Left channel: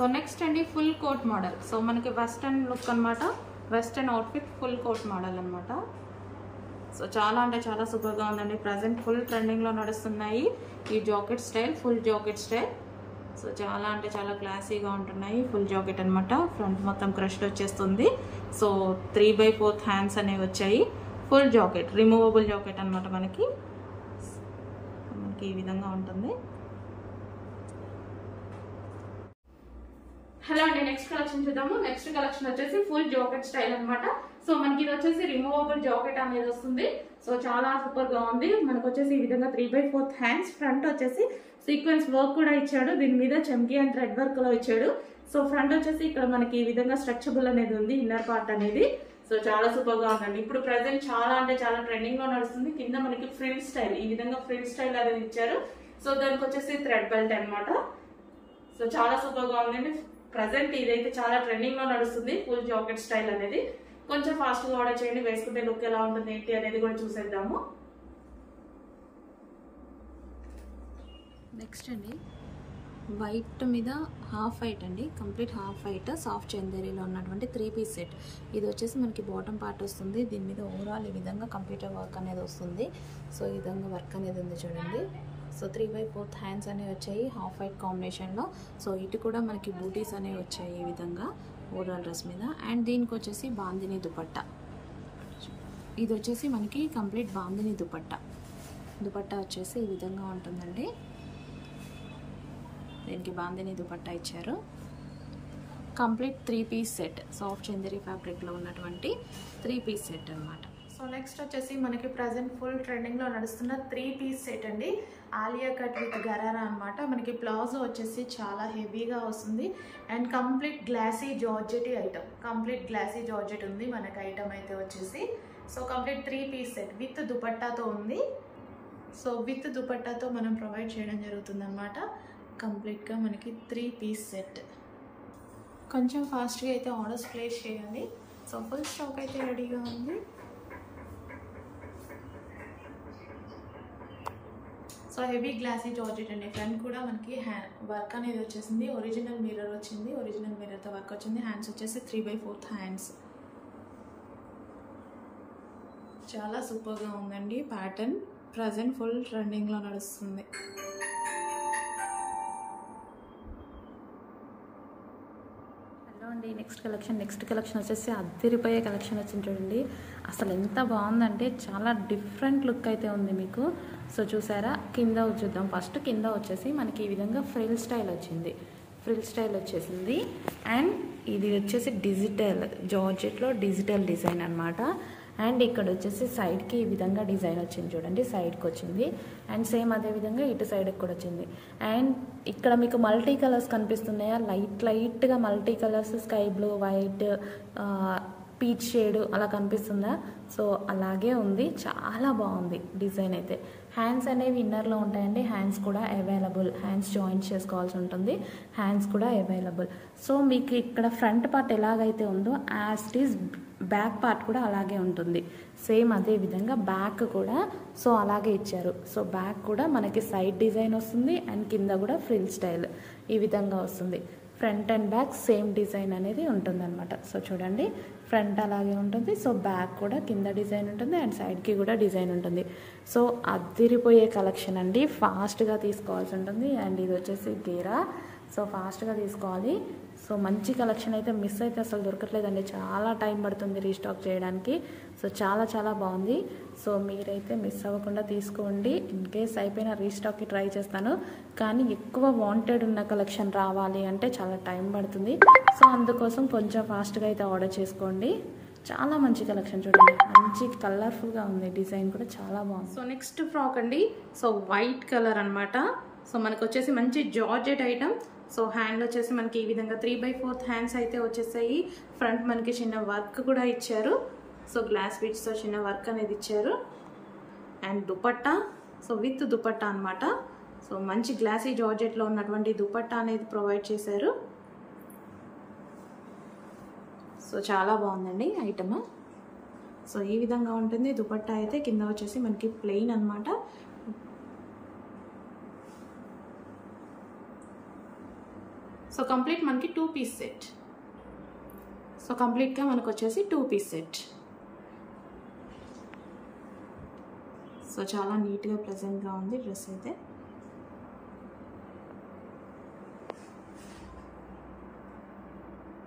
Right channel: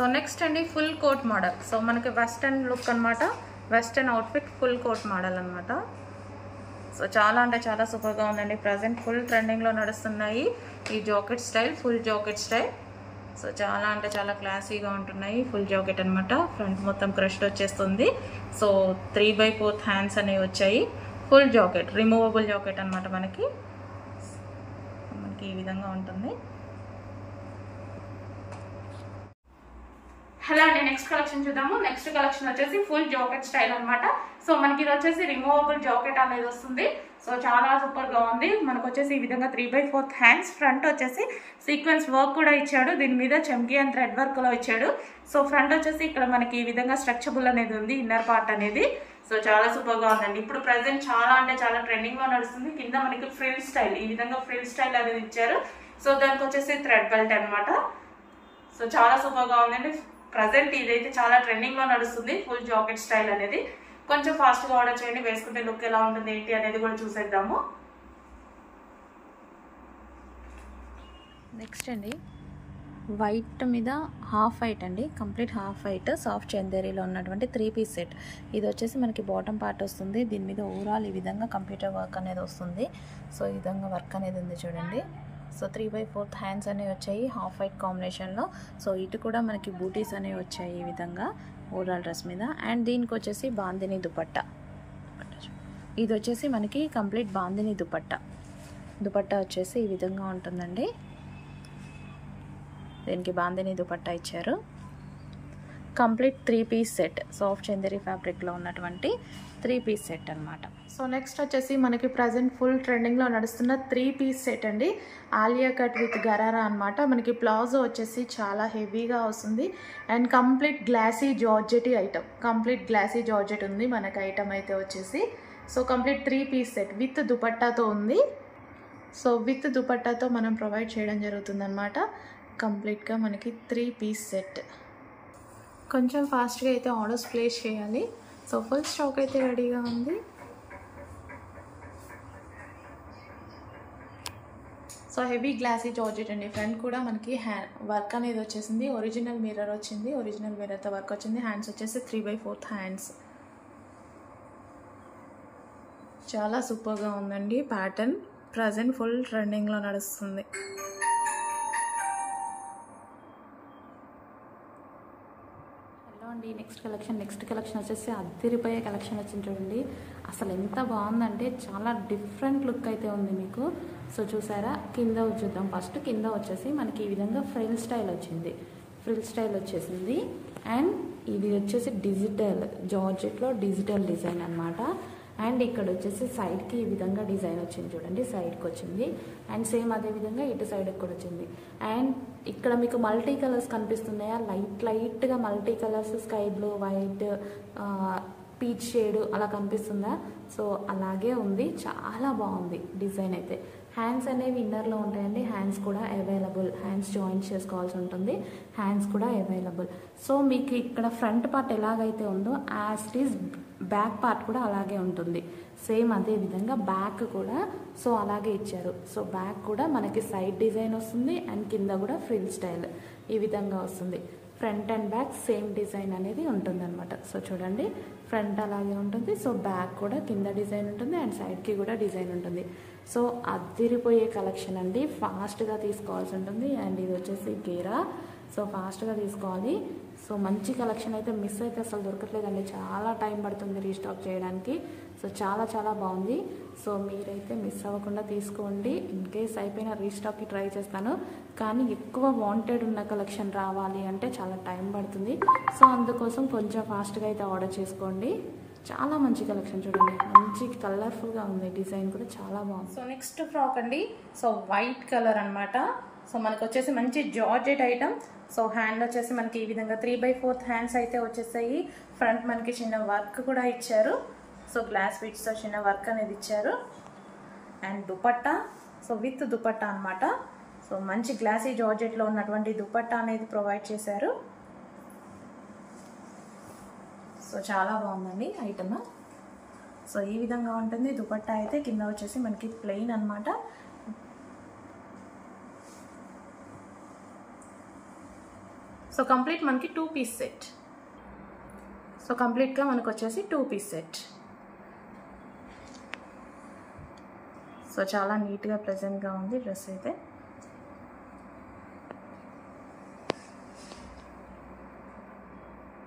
So next అండి full coat model. So మనకి western look అనమాట, western outfit full coat model అనమాట. So చాలా అంటే చాలా సూపర్గా ఉందండి. ప్రజెంట్ ఫుల్ ట్రెండింగ్లో నడుస్తున్నాయి ఈ jacket style, full jacket style. So చాలా అంటే చాలా క్లాసీగా ఉంటున్నాయి. ఫుల్ జాకెట్ అనమాట, ఫ్రంట్ మొత్తం క్రష్డ్ వచ్చేస్తుంది. సో 3/4 హ్యాండ్స్ అనేవి వచ్చాయి. ఫుల్ జాకెట్, రిమూవబుల్ జాకెట్ అనమాట. మనకి ఈ విధంగా ఉంటుంది. హలో అండి, నెక్స్ట్ కలెక్షన్ చూద్దాము. నెక్స్ట్ కలెక్షన్ వచ్చేసి ఫుల్ జాకెట్ స్టైల్ అనమాట. సో మనకి ఇది వచ్చేసి రిమూవబుల్ జాకెట్ అనేది వస్తుంది. సో చాలా సూపర్ గా ఉంది. మనకు వచ్చేసి ఈ విధంగా 3/4 హ్యాండ్స్, ఫ్రంట్ వచ్చేసి సీక్వెన్స్ వర్క్ కూడా ఇచ్చాడు. దీని మీద చమ్కీ అండ్ థ్రెడ్ వర్క్ లో ఇచ్చాడు. సో ఫ్రంట్ వచ్చేసి ఇక్కడ మనకి ఈ విధంగా స్ట్రక్చబుల్ అనేది ఉంది, ఇన్నర్ పార్ట్ అనేది. సో చాలా సూపర్ గా ఉందండి. ఇప్పుడు ప్రెసెంట్ చాలా అంటే చాలా ట్రెండింగ్ లో నడుస్తుంది. కింద మనకి ఫ్రిల్ స్టైల్, ఈ విధంగా ఫ్రిల్ స్టైల్ అనేది ఇచ్చారు. సో దానికి వచ్చేసి థ్రెడ్ బెల్ట్ అనమాట. సో చాలా సూపర్ గా ఉందండి. ప్రజెంట్ ఇదైతే చాలా ట్రెండింగ్ లో నడుస్తుంది ఫుల్ జాకెట్ స్టైల్ అనేది. కొంచెం ఫాస్ట్ గా ఆర్డర్ చేయండి, వేసుకుంటే లుక్ ఎలా ఉంటుంది ఏంటి అనేది కూడా చూసేద్దాము. నెక్స్ట్ అండి వైట్ మీద హాఫ్ వైట్ అండి, కంప్లీట్ హాఫ్ వైట్ సాఫ్ట్ చందేరీలో ఉన్నటువంటి 3 పీస్ సెట్. ఇది వచ్చేసి మనకి బాటమ్ పార్ట్ వస్తుంది. దీని మీద ఓవరాల్ ఈ విధంగా కంప్యూటర్ వర్క్ అనేది వస్తుంది. సో ఈ విధంగా వర్క్ అనేది ఉంది చూడండి. సో 3/4 హ్యాండ్స్ అనేవి వచ్చాయి హాఫ్ వైట్ కాంబినేషన్లో. సో ఇటు కూడా మనకి బూటీస్ అనేవి వచ్చాయి ఈ విధంగా ఓవరాల్ డ్రెస్ మీద. అండ్ దీనికి వచ్చేసి బాందిని దుపట్టా. ఇది వచ్చేసి మనకి కంప్లీట్ బాందిని దుపట్టా. దుపట్టా వచ్చేసి ఈ విధంగా ఉంటుందండి. దీనికి బాందిని దుపట్టా ఇచ్చారు. Complete 3 piece set, soft Chanderi ఫ్యాబ్రిక్లో ఉన్నటువంటి 3 పీస్ సెట్ అనమాట. సో నెక్స్ట్ వచ్చేసి మనకి ప్రజెంట్ ఫుల్ ట్రెండింగ్లో నడుస్తున్న 3 పీస్ సెట్ అండి. ఆలియా కట్ విత్ గరారా అనమాట. మనకి ప్లాజో వచ్చేసి చాలా హెవీగా వస్తుంది. And complete glossy georgette item, complete glossy georgette ఉంది మనకి ఐటమ్ అయితే వచ్చేసి. So complete 3 piece set with దుపట్టాతో ఉంది. సో విత్ దుపట్టాతో మనం ప్రొవైడ్ చేయడం జరుగుతుంది అనమాట. కంప్లీట్గా మనకి 3 పీస్ సెట్. కొంచెం ఫాస్ట్గా అయితే ఆర్డర్స్ ప్లేస్ చేయాలి. సో ఫుల్ స్టాక్ అయితే రెడీగా ఉంది. సో హెవీ గ్లాసీ జార్జెట్ అండి. ఫ్రంట్ కూడా మనకి వర్క్ అనేది వచ్చేసింది. ఒరిజినల్ మిర్రర్ వచ్చింది, ఒరిజినల్ మిర్రర్తో వర్క్ వచ్చింది. హ్యాండ్స్ వచ్చేసి 3/4 హ్యాండ్స్. చాలా సూపర్గా ఉందండి ప్యాటర్న్. ప్రజెంట్ ఫుల్ ట్రెండింగ్లో నడుస్తుంది. అండి నెక్స్ట్ కలెక్షన్ వచ్చేసి అద్దరిపోయే కలెక్షన్ వచ్చింది చూడండి. అసలు ఎంత బాగుందంటే చాలా డిఫరెంట్ లుక్ అయితే ఉంది మీకు. సో చూసారా, కింద చూద్దాం. ఫస్ట్ కింద వచ్చేసి మనకి ఈ విధంగా ఫ్రిల్ స్టైల్ వచ్చింది, ఫ్రిల్ స్టైల్ వచ్చేసింది. అండ్ ఇది వచ్చేసి డిజిటల్ జార్జెట్లో డిజిటల్ డిజైన్ అనమాట. అండ్ ఇక్కడ వచ్చేసి సైడ్కి ఈ విధంగా డిజైన్ వచ్చింది చూడండి, సైడ్కి వచ్చింది. అండ్ సేమ్ అదే విధంగా ఇటు సైడ్కి కూడా వచ్చింది. అండ్ ఇక్కడ మీకు మల్టీ కలర్స్ కనిపిస్తున్నాయా, లైట్గా multi colours, sky blue, white, peach shade అలా కనిపిస్తుందా? సో అలాగే ఉంది, చాలా బాగుంది డిజైన్ అయితే. హ్యాండ్స్ అనేవి ఇన్నర్లో ఉంటాయండి. హ్యాండ్స్ కూడా అవైలబుల్, హ్యాండ్స్ జాయిన్ చేసుకోవాల్సి ఉంటుంది. హ్యాండ్స్ కూడా అవైలబుల్. సో మీకు ఇక్కడ ఫ్రంట్ పార్ట్ ఎలాగైతే ఉందో as it is back part కూడా అలాగే ఉంటుంది. సేమ్ అదే విధంగా బ్యాక్ కూడా సో అలాగే ఇచ్చారు. సో బ్యాక్ కూడా మనకి సైడ్ డిజైన్ వస్తుంది. అండ్ కింద కూడా ఫ్రిల్ స్టైల్ ఈ విధంగా వస్తుంది. Front and back same design అనేది ఉంటుంది అనమాట. సో చూడండి, ఫ్రంట్ అలాగే ఉంటుంది. సో బ్యాక్ కూడా కింద డిజైన్ ఉంటుంది అండ్ సైడ్కి కూడా డిజైన్ ఉంటుంది. సో అదిరిపోయే కలెక్షన్ అండి, ఫాస్ట్గా తీసుకోవాల్సి ఉంటుంది. అండ్ ఇది వచ్చేసి గేరా. సో ఫాస్ట్గా తీసుకోవాలి. సో మంచి కలెక్షన్ అయితే మిస్ అయితే అసలు దొరకట్లేదండి. చాలా టైం పడుతుంది రీస్టాక్ చేయడానికి. సో చాలా చాలా బాగుంది. సో మీరైతే మిస్ అవ్వకుండా తీసుకోండి. ఇన్ కేస్ అయిపోయినా రీస్టాక్కి ట్రై చేస్తాను. కానీ ఎక్కువ వాంటెడ్ ఉన్న కలెక్షన్ రావాలి అంటే చాలా టైం పడుతుంది. సో అందుకోసం కొంచెం ఫాస్ట్గా అయితే ఆర్డర్ చేసుకోండి. చాలా మంచి కలెక్షన్ చూడండి, మంచి కలర్ఫుల్గా ఉంది. డిజైన్ కూడా చాలా బాగుంది. సో నెక్స్ట్ ఫ్రాక్ అండి. సో వైట్ కలర్ అనమాట. సో మనకు వచ్చేసి మంచి జార్జెట్ ఐటమ్. సో హ్యాండ్ వచ్చేసి మనకి ఈ విధంగా 3/4 హ్యాండ్స్ అయితే వచ్చేసాయి. ఫ్రంట్ మనకి చిన్న వర్క్ కూడా ఇచ్చారు. సో గ్లాస్ బిట్స్తో చిన్న వర్క్ అనేది ఇచ్చారు. And dupatta, so with dupatta అనమాట. సో మంచి గ్లాసీ జార్జెట్లో ఉన్నటువంటి దుపట్టా అనేది ప్రొవైడ్ చేశారు. సో చాలా బాగుందండి ఐటమ్. సో ఈ విధంగా ఉంటుంది దుపట్టా అయితే. కింద వచ్చేసి మనకి ప్లెయిన్ అనమాట. సో సో కంప్లీట్ మనకి 2 పీస్ సెట్. సో కంప్లీట్గా మనకు వచ్చేసి 2 పీస్ సెట్. సో చాలా నీట్గా ప్లెజెంట్గా ఉంది డ్రెస్ అయితే.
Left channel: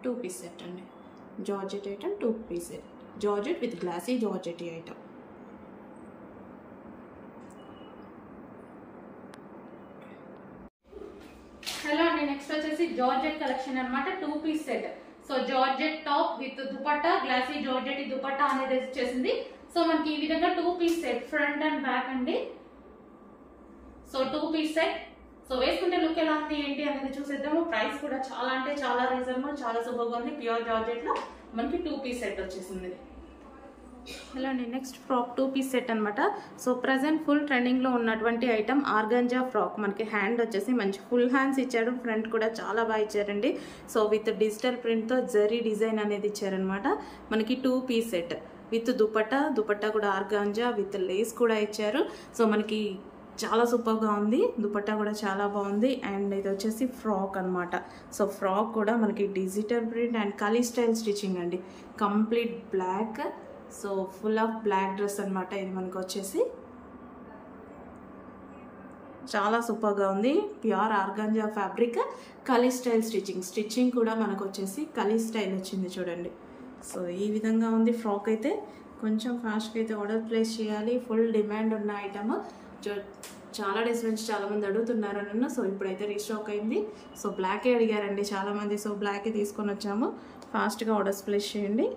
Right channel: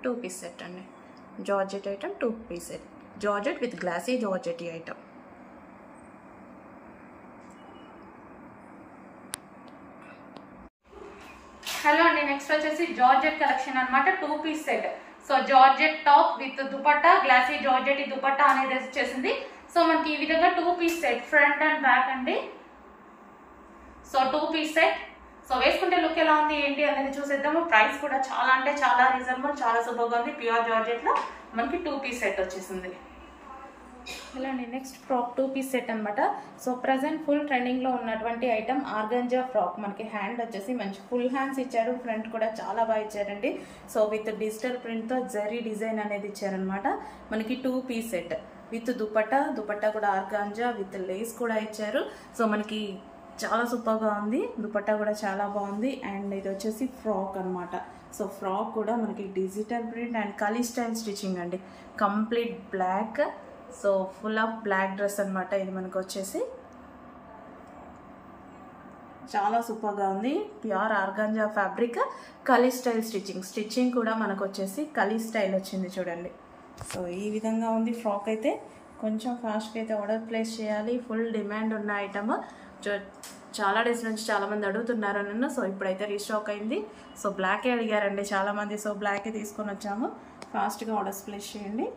టూ పీస్ సెట్ అండి, georgette item 2 piece set, georgette with glossy georgette item. Hello అండి, నెక్స్ట్ వచ్చేసి జార్జెట్ కలెక్షన్ అనమాట, 2 piece set. So georgette top with dupatta, glossy georgette dupatta అనేది వచ్చేసింది. సో మనకి ఈ విధంగా 2 piece set, front and back అండి. So 2 piece set. సో వేసుకుంటే లుక్ ఎలా ఉంది ఏంటి అనేది చూసేద్దాము. ప్రైస్ కూడా చాలా అంటే చాలా రీజనబుల్, చాలా సూపర్గా ఉంది. ప్యూర్ జార్జెట్ లో మనకి 2 పీస్ సెట్ వచ్చేసింది. ఇలా అండి, నెక్స్ట్ ఫ్రాక్ 2 పీస్ సెట్ అనమాట. సో ప్రజెంట్ ఫుల్ ట్రెండింగ్ లో ఉన్నటువంటి ఐటమ్ ఆర్గాంజా ఫ్రాక్. మనకి హ్యాండ్ వచ్చేసి మంచి ఫుల్ హ్యాండ్స్ ఇచ్చాడు, ఫ్రంట్ కూడా చాలా బాగా ఇచ్చారండి. సో విత్ డిజిటల్ ప్రింట్ తో జరీ డిజైన్ అనేది ఇచ్చారనమాట. మనకి 2 piece set with dupatta, dupatta కూడా ఆర్గాంజా విత్ లేస్ కూడా ఇచ్చారు. సో మనకి చాలా సూపర్గా ఉంది, దుపట్టా కూడా చాలా బాగుంది. అండ్ ఇది వచ్చేసి ఫ్రాక్ అనమాట. సో ఫ్రాక్ కూడా మనకి digital print and kali style stitching అండి, complete black. So full of black dress అనమాట ఇది మనకు వచ్చేసి. చాలా సూపర్గా ఉంది, pure organza fabric, kali style stitching. Stitching కూడా మనకు వచ్చేసి కలీ స్టైల్ వచ్చింది చూడండి. సో ఈ విధంగా ఉంది ఫ్రాక్ అయితే. కొంచెం ఫాస్ట్గా అయితే ఆర్డర్ ప్లేస్ చేయాలి, ఫుల్ డిమాండ్ ఉన్న ఐటమ్. చాలా డేస్ నుంచి చాలామంది అడుగుతున్నారు నన్ను. సో ఇప్పుడైతే రీస్టాక్ అయింది. సో బ్లాకే అడిగారండి చాలామంది. సో బ్లాకే తీసుకొని వచ్చాము, ఫాస్ట్గా ఆర్డర్స్ ప్లేస్ చేయండి.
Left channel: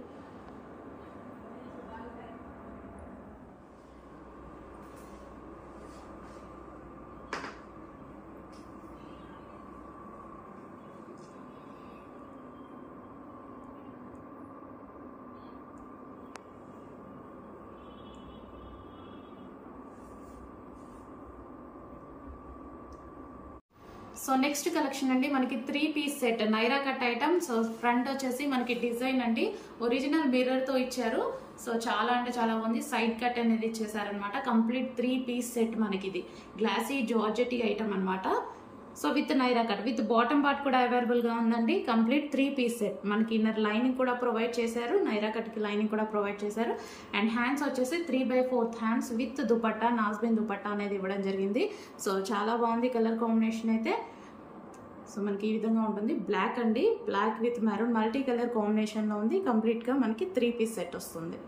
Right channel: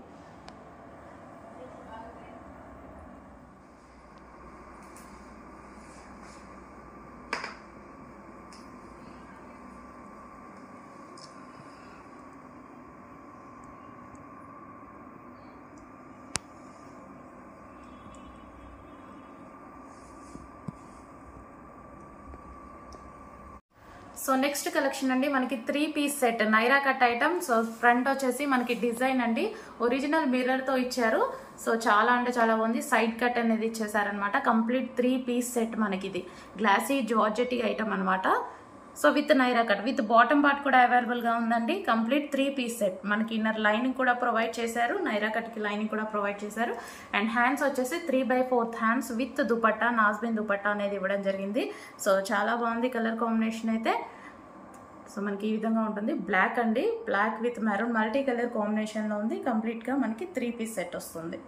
సో నెక్స్ట్ కలెక్షన్ అండి, మనకి 3 piece set Naira cut item. So front వచ్చేసి మనకి డిజైన్ అండి, ఒరిజినల్ మిర్రర్ తో ఇచ్చారు. సో చాలా అంటే చాలా బాగుంది. సైడ్ కట్ అనేది ఇచ్చేసారనమాట. కంప్లీట్ 3 పీస్ సెట్ మనకి ఇది గ్లాసీ జార్జెట్ ఐటమ్ అనమాట. So with Naira cut with bottom part కూడా అవైలబుల్ గా ఉందండి. Complete 3 piece set. మనకి ఇన్నర్ లైనింగ్ కూడా ప్రొవైడ్ చేశారు, నైరా కట్ కి లైనింగ్ కూడా ప్రొవైడ్ చేశారు. అండ్ హ్యాండ్స్ వచ్చేసి 3/4 హ్యాండ్స్ విత్ దుపట్టా, నాజ్బిన్ దుపట్టా అనేది ఇవ్వడం జరిగింది. సో చాలా బాగుంది కలర్ కాంబినేషన్ అయితే. సో మనకి ఈ విధంగా ఉంటుంది, బ్లాక్ అండి, black with maroon multi colour combination లో ఉంది. కంప్లీట్ గా మనకి 3 పీస్ సెట్ వస్తుంది.